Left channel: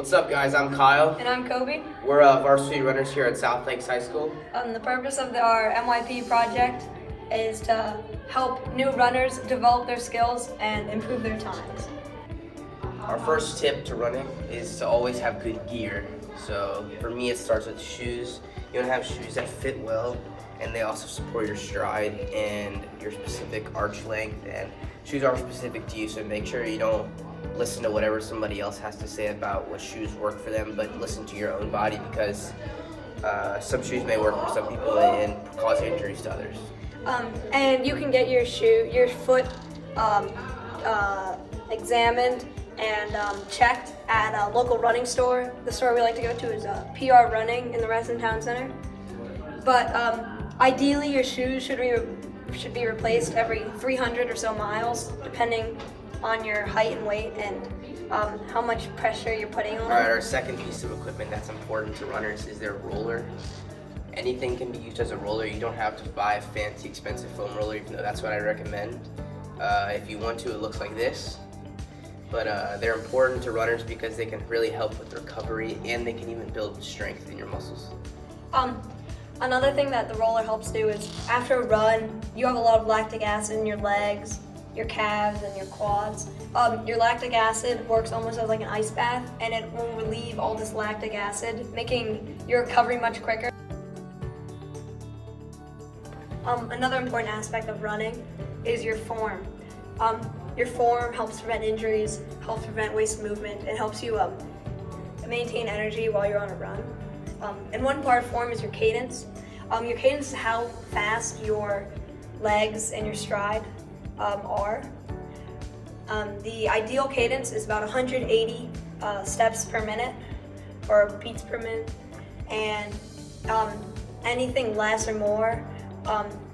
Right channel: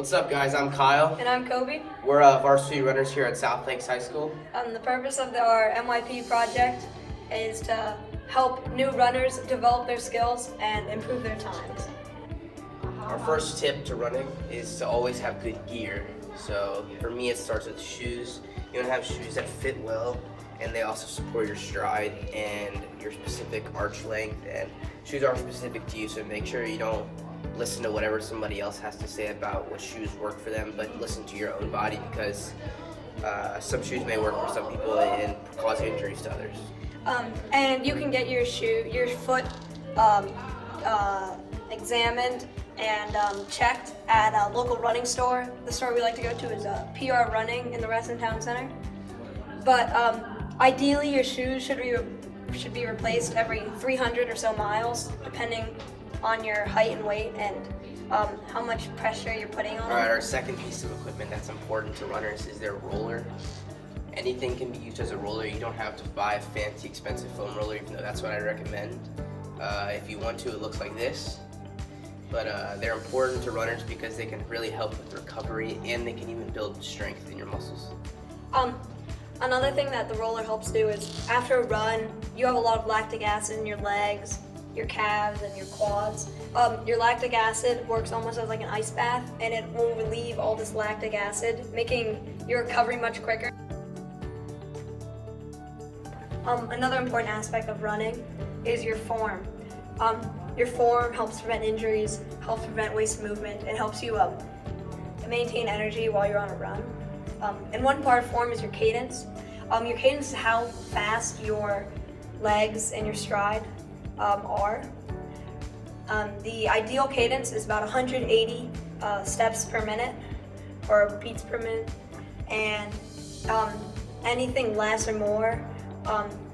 What's up, guys? I'm Kyle. And I'm Kobe. We're varsity runners here at South Lakes High School. The purpose of our MYP project is to help new runners develop their skills and improve their times. Our first tip to running is to always have good gear. So for me, it starts with shoes. You want to have shoes that fit well, and they also support your stride and your specific arch length. And shoes are specific to you, so make sure you don't listen to whatever somebody else has to say about what shoes work for them, but listen to your own body, because some shoes may work for some people and cause injuries to others. And you can get your foot examined and checked at a local running store. The store we like to go to is PR Running in the Reston Town Center. But ideally, your shoes should be replaced every 300 or so miles, depending on your height and weight and how much pressure you're putting on them. Alright, our second piece of equipment that's important to runners is their roller. Anything can be used as a roller. You don't have to buy a fancy, expensive foam roller, even though that's what I recommend. If you want to, it looks like this. But they're important to runners because they can really help with recovery, and they can even build strength in your muscles. Another thing that the roller helps do is after a run, you have a lot of lactic acid in your legs, your calves, and your quads. Your lactic acid works almost as like an ice bath, and it will relieve all this lactic acid, making your recovery much quicker. Another important aspect of running is your form. Your form helps prevent injuries, helps prevent wasted movement. It helps you maintain energy while you're on a run. And one part of form is your cadence. Your cadence is how fast your legs and your stride are. The ideal cadence is about 180 steps per minute, or beats per minute, and anything less or more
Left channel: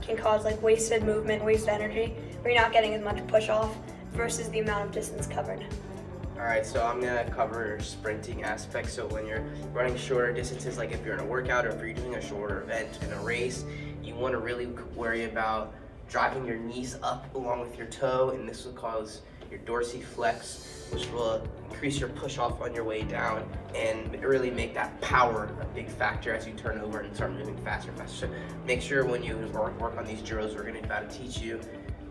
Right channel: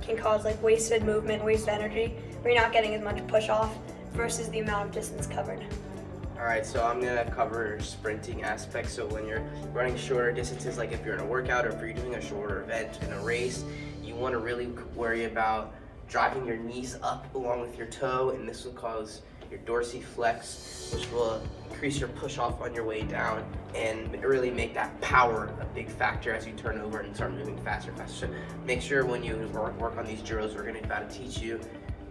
can cause like wasted movement, wasted energy, where you're not getting as much push off versus the amount of distance covered. Alright, so I'm going to cover sprinting aspects. So when you're running shorter distances, like if you're in a workout or if you're doing a shorter event in a race, you want to really worry about driving your knees up along with your toe, and this will cause your dorsiflex, which will increase your push off on your way down and really make that power a big factor as you turn over and start moving faster and faster. So make sure when you work on these drills, we're going to about to teach you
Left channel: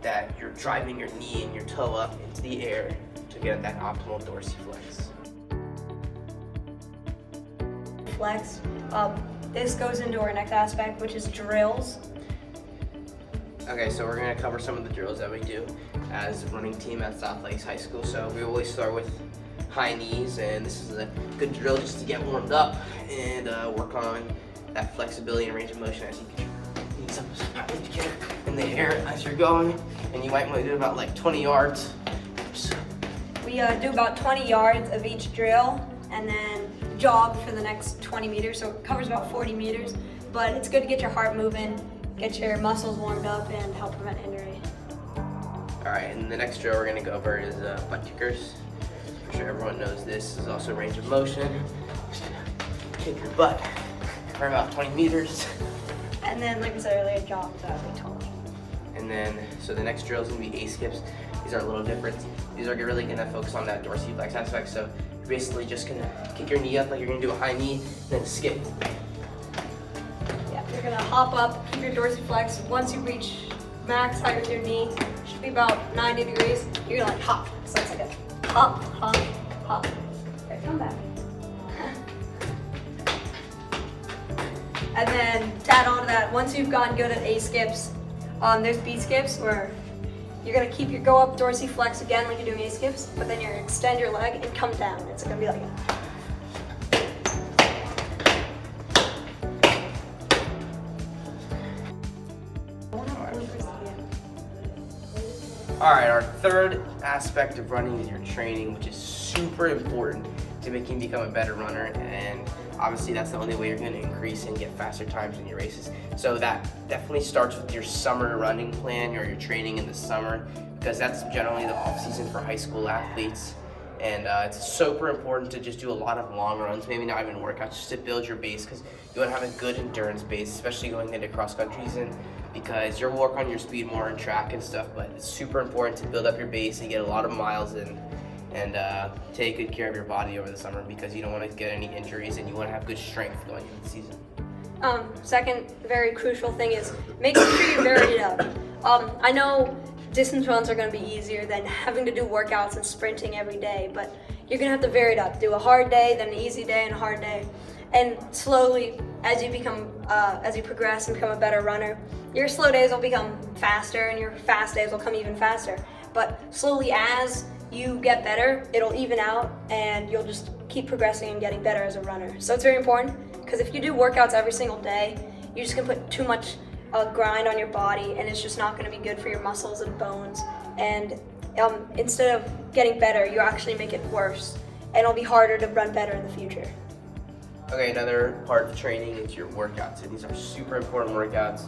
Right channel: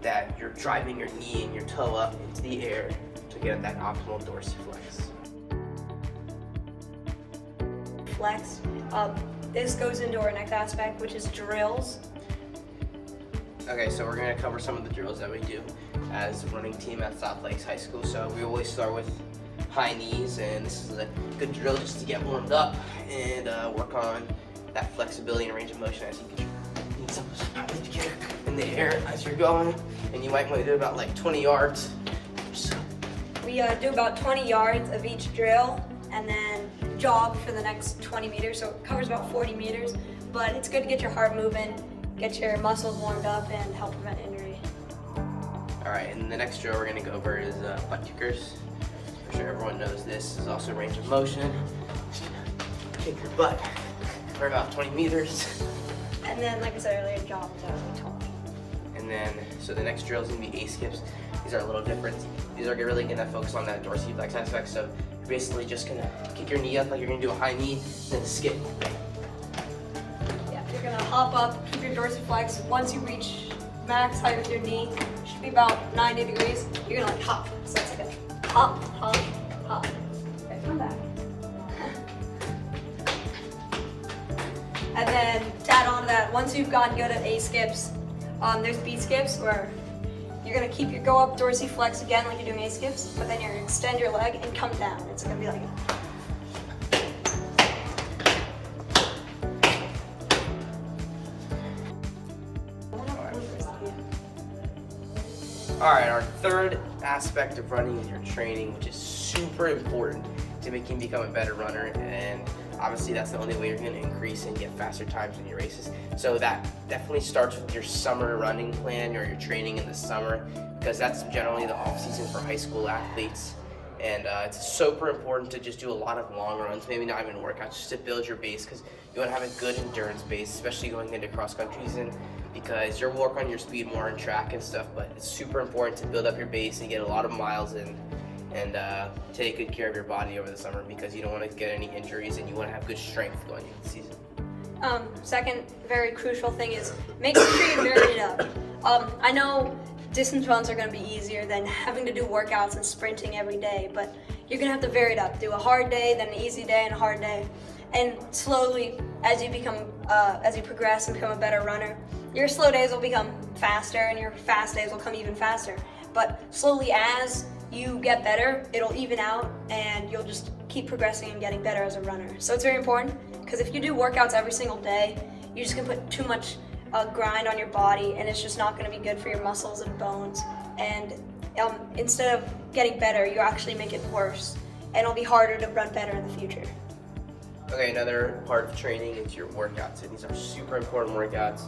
that you're driving your knee and your toe up into the air to get that optimal dorsiflex. Flex. This goes into our next aspect, which is drills. Okay, so we're going to cover some of the drills that we do as a running team at South Lakes High School. So we always start with high knees, and this is a good drill just to get warmed up and work on that flexibility and range of motion as you get your knees up in the air as you're going. And you might want to do about like 20 yards. We do about 20 yards of each drill and then jog for the next 20 meters. So it covers about 40 meters, but it's good to get your heart moving, get your muscles warmed up, and help prevent injury. All right, and the next drill we're gonna go over is butt kickers. For sure everyone knows this. This is also range of motion. Just kick your butt for about 20 meters. And then, like I said earlier, jog to like 20. And then, so the next drill is gonna be A-skips. These are a little different. These are really gonna focus on that dorsiflex aspect. So you're basically just gonna kick your knee up like you're gonna do a high knee, then skip. Yeah, you're gonna hop up, keep your dorsiflex. Once you reach max height with your knee, it should be about 90 degrees. You're gonna like hop. So it's like a hop, hop, hop. Okay, come back. And then to add on to that, once you've gotten good at A-skips, there's B-skips where you're gonna go up dorsiflex again like you're doing A-skips, but then you're gonna extend your leg and come down. It's gonna be like a Alright, our third aspect of running is your training, which is super important to making you become a better runner, and obviously that's the only way you're going to increase and get faster times in your races. So that definitely starts with your summer running plan or your training in the summer, because that's generally the off season for high school athletes. And it's super important to just do a lot of long runs, maybe not even workouts, just to build your base, because you want to have a good endurance base, especially going into cross country season, because you'll work on your speed more on track and stuff, but it's super important to build up your base and get a lot of miles in. and take good care of your body over the summer because you don't want to get any injuries and you want to have good strength going into the season. Second very crucial thing is make sure you vary it up. I know distance runs are going to be easier than having to do workouts and sprinting every day, but you're going to have to vary it up. Do a hard day, then an easy day, and a hard day. And slowly, as you progress and become a better runner, your slow days will become faster and your fast days will come even faster. But slowly, as you get better, it'll even out and you'll just keep progressing and getting better as a runner. So it's very important because if you do workouts every single day, you're just going to put too much grind on your body and it's just not going to be good for your muscles and bones. And instead of getting better, you actually make it worse and it'll be harder to run better in the future. Okay, another part of training is your workouts, and these are super important workouts.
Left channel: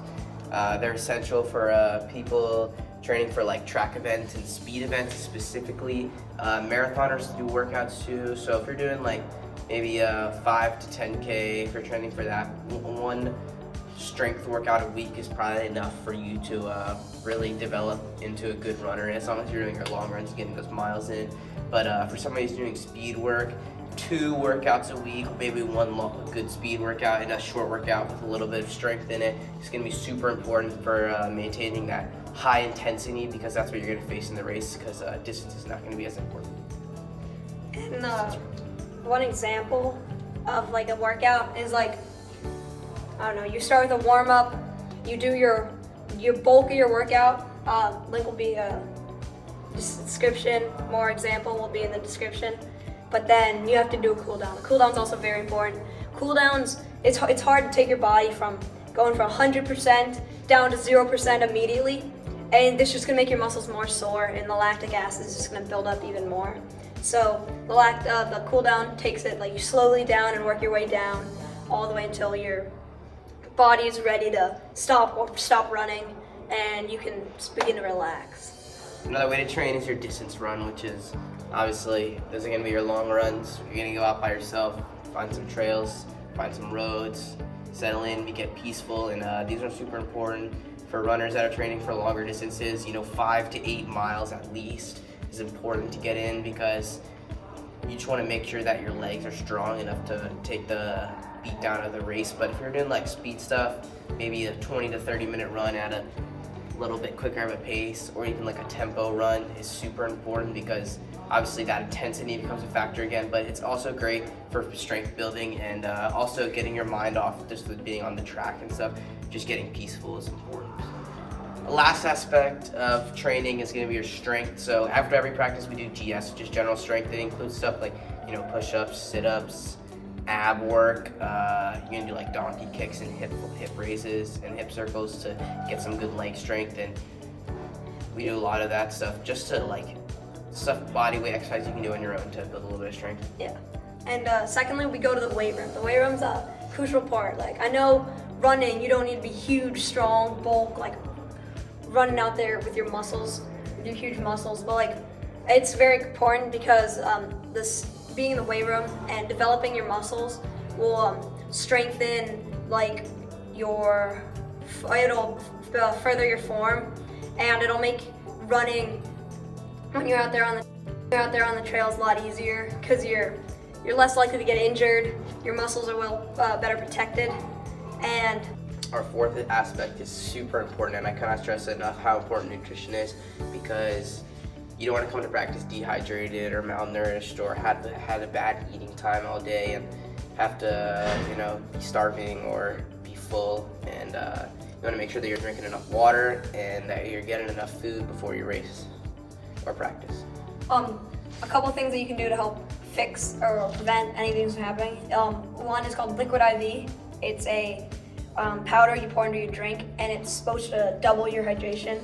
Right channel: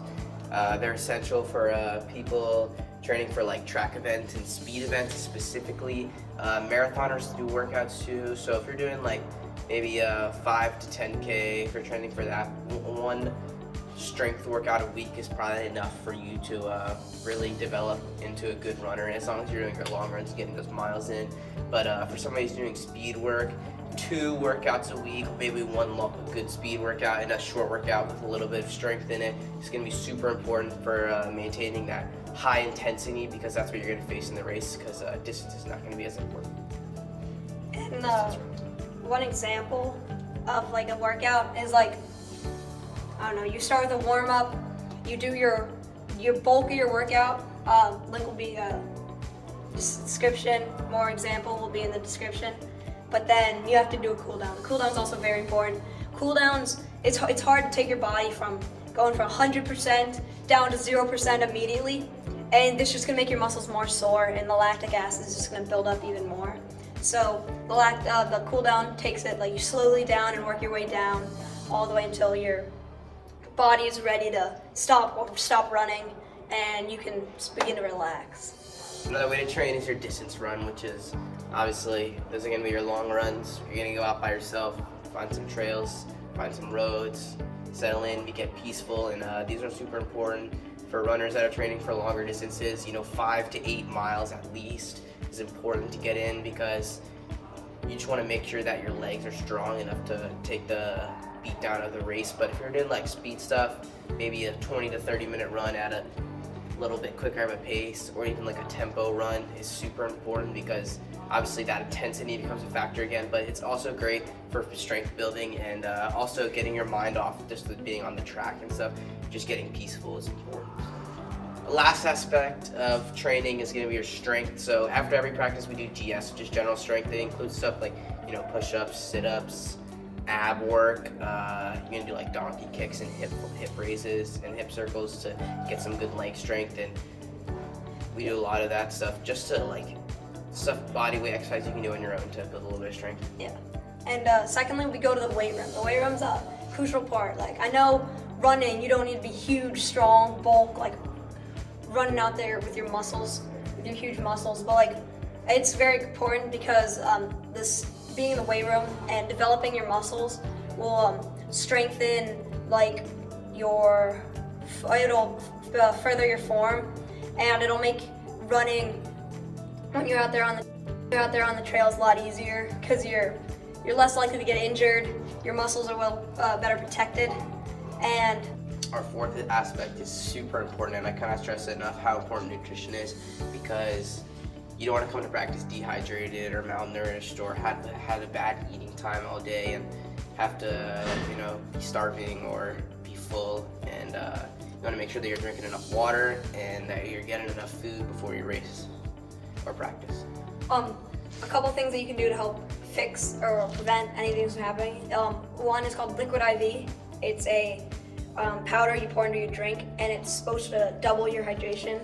They're essential for people training for like track events and speed events specifically. Marathoners do workouts too, so if you're doing like maybe 5 to 10K, if you're training for that, one strength workout a week is probably enough for you to really develop into a good runner, as long as you're doing your long runs, getting those miles in. But for somebody who's doing speed work, 2 workouts a week, maybe one good speed workout and a short workout with a little bit of strength in it. It's going to be super important for maintaining that high intensity because that's what you're going to face in the race because distance is not going to be as important. And one example of like a workout is like, I don't know, you start with a warm-up, you do your bulk of your workout, link will be description, more example will be in the description. But then you have to do a cool down. The cool down's also very important. Cool downs, it's hard to take your body from going from 100% down to 0% immediately. And this is just gonna make your muscles more sore and the lactic acid is just gonna build up even more. So the cool down takes it like you slowly down and work your way down all the way until your body is ready to stop running and you can begin to relax. Another way to train is your distance run, which is obviously those are going to be your long runs. You're going to go out by yourself, find some trails, find some roads, settle in, get peaceful, and these are super important for runners that are training for longer distances. 5 to 8 miles at least is important to get in because you just want to make sure that your legs are strong enough to take the beat down of the race. But if you're doing like speed stuff, maybe a 20 to 30 minute run at a little bit quicker of a pace or even like a tempo run is super important because obviously that intensity becomes a factor again, but it's also great for strength building and also getting your mind off just with being on the track and stuff. Just getting peaceful is important. The last aspect of training is going to be your strength. So after every practice we do GS, just general strength. It includes stuff like push-ups, sit-ups, ab work. You're gonna do like donkey kicks and hip raises and hip circles to get some good leg strength, and we do a lot of that stuff just to like body weight exercise you can do on your own to build a little bit of strength. Yeah. And secondly, we go to the weight room. The weight room's a crucial part. Like I know running, you don't need to be huge, strong, bulk, like running out there with your muscles, with your huge muscles, but like it's very important because this being in the weight room and developing your muscles will strengthen like it'll further your form, and it'll make running when you're out there on the trails a lot easier because you're less likely to get injured. Your muscles are better protected. And our fourth aspect is super important, and I cannot stress enough how important nutrition is because you don't want to come to practice dehydrated or malnourished or had a bad eating time all day and have to be starving or be full. And you want to make sure that you're drinking enough water and that you're getting enough food before your race or practice. A couple of things that you can do to help fix or prevent anything from happening. One is called Liquid IV. It's a powder you pour into your drink, and it's supposed to double your hydration.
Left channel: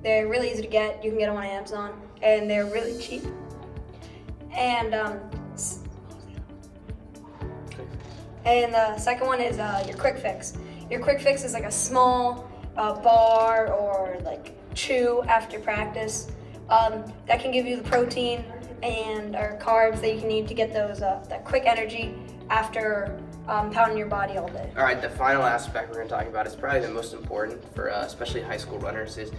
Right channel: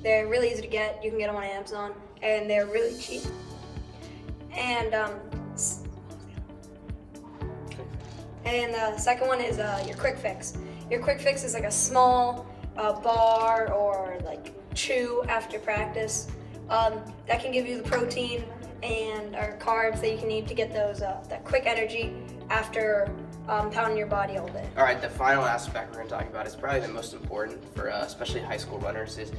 They're really easy to get. You can get them on Amazon, and they're really cheap. And the second one is your Quick Fix. Your Quick Fix is like a small bar or like chew after practice that can give you the protein and or carbs that you can need to get those that quick energy after pounding your body all day. All right, the final aspect we're going to talk about is probably the most important for especially high school runners is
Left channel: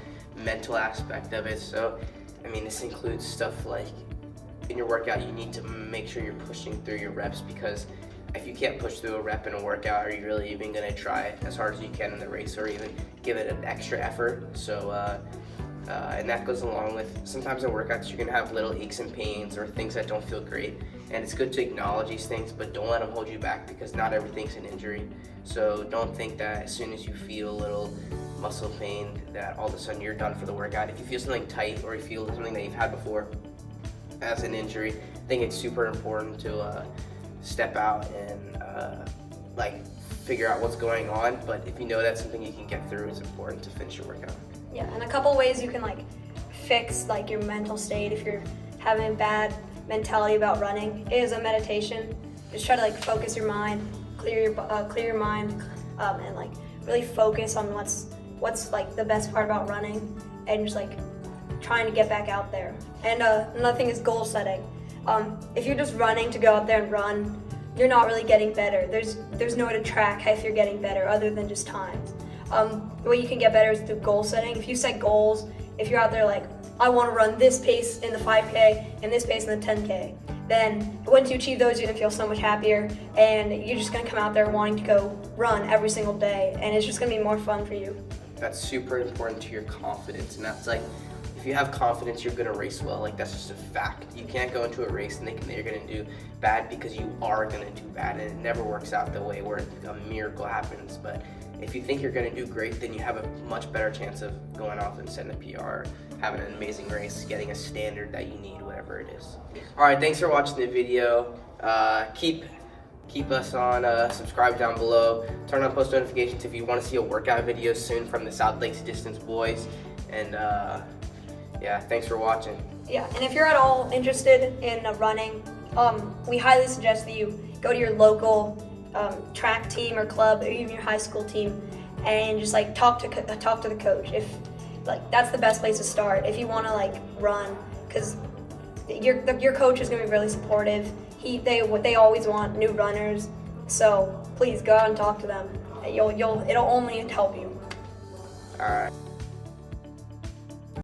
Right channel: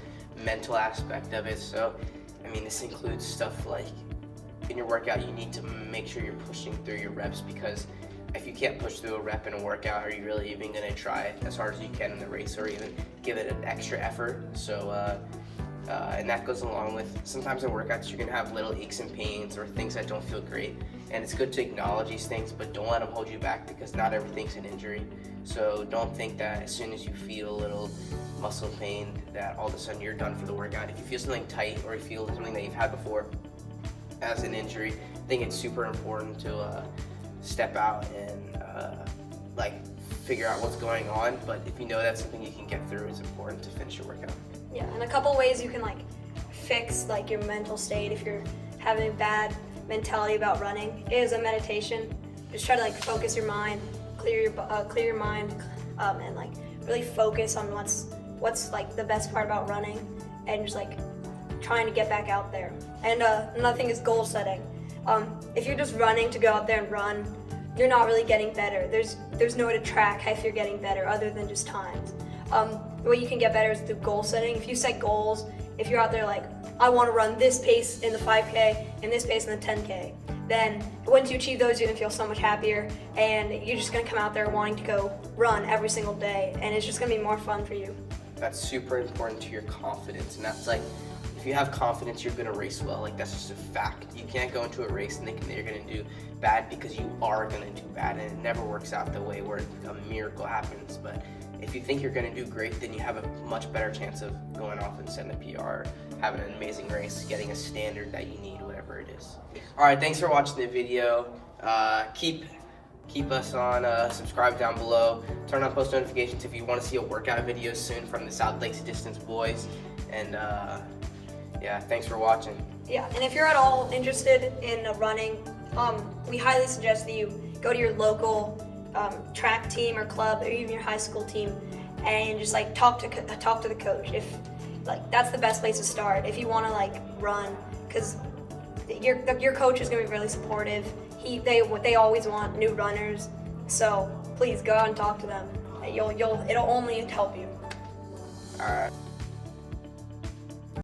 mental aspect of it. So, this includes stuff like in your workout, you need to make sure you're pushing through your reps, because if you can't push through a rep in a workout, are you really even going to try as hard as you can in the race, or even give it an extra effort? So, and that goes along with, sometimes in workouts you're going to have little aches and pains or things that don't feel great, and it's good to acknowledge these things, but don't let them hold you back, because not everything's an injury. So don't think that as soon as you feel a little muscle pain that all of a sudden you're done for the workout. If you feel something tight, or you feel something that you've had before as an injury, I think it's super important to step out and figure out what's going on. But if you know that's something you can get through, it's important to finish your workout. Yeah, and a couple ways you can fix your mental state if you're having a bad mentality about running is a meditation. Just try to focus your mind, clear your mind, and really focus on what's the best part about running, and just trying to get back out there. And another thing is goal setting. If you're just running to go out there and run, you're not really getting better. There's no way to track if you're getting better other than just times. The way you can get better is through goal setting. If you set goals, if you're out there I want to run this pace in the 5K and this pace in the 10K, then once you achieve those, you're going to feel so much happier, and you're just going to come out there wanting to go run every single day, and it's just going to be more fun for you. That's super important to your confidence, and that's if you have confidence, you're gonna race well. That's just a fact. You can't go into a race thinking that you're gonna do bad, because you are gonna do bad, and it never works out the way where a miracle happens. But if you think you're gonna do great, then you have a much better chance of going off and setting a PR, having an amazing race, getting a standard that you need, whatever it is. All right, thanks for watching the video. Keep us on, subscribe down below, turn on post notifications if you want to see a workout video soon from the South Lakes Distance boys, and yeah, thanks for watching. Yeah, and if you're at all interested in running, we highly suggest that you go to your local track team or club, or even your high school team, and just talk to the coach. If that's the best place to start if you want to run, because your coach is going to be really supportive. They always want new runners, so please go out and talk to them. It'll only help you. All right.